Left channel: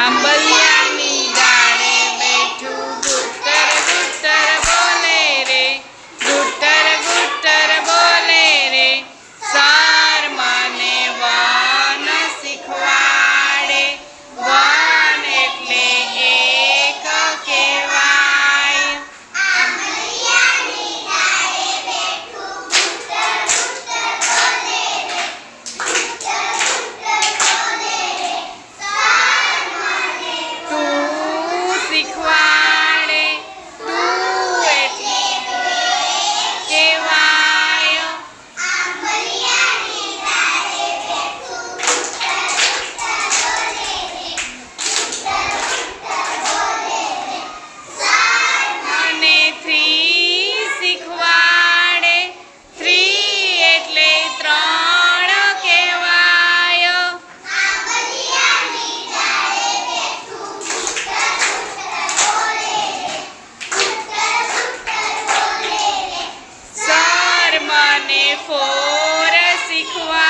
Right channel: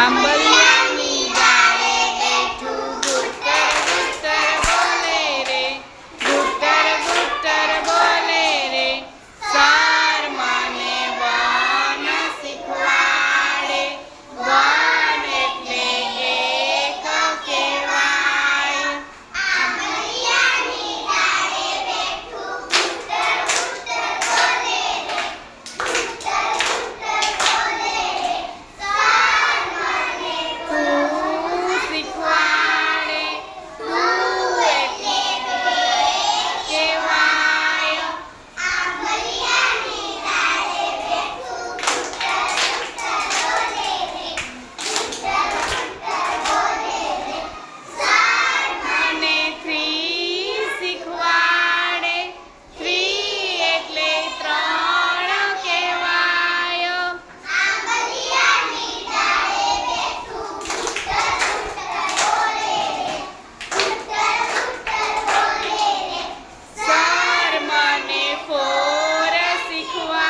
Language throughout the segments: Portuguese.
Sambelnya foras e quais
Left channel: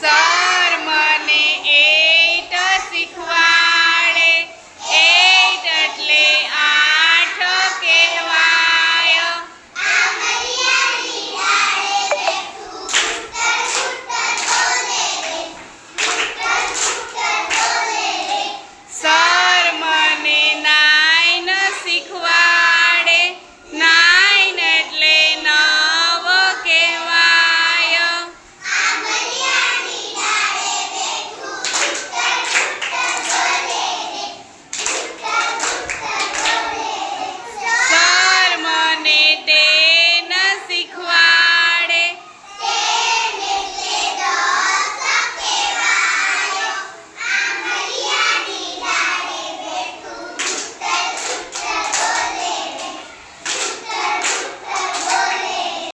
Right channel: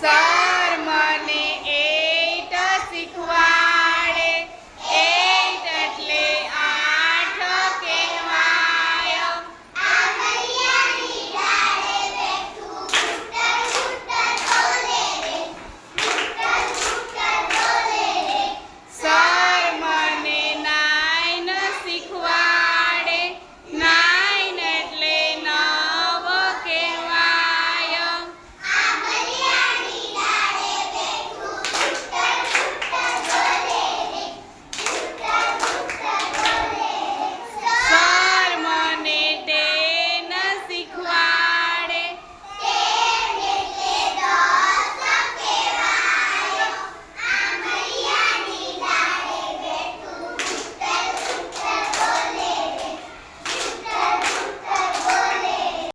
xa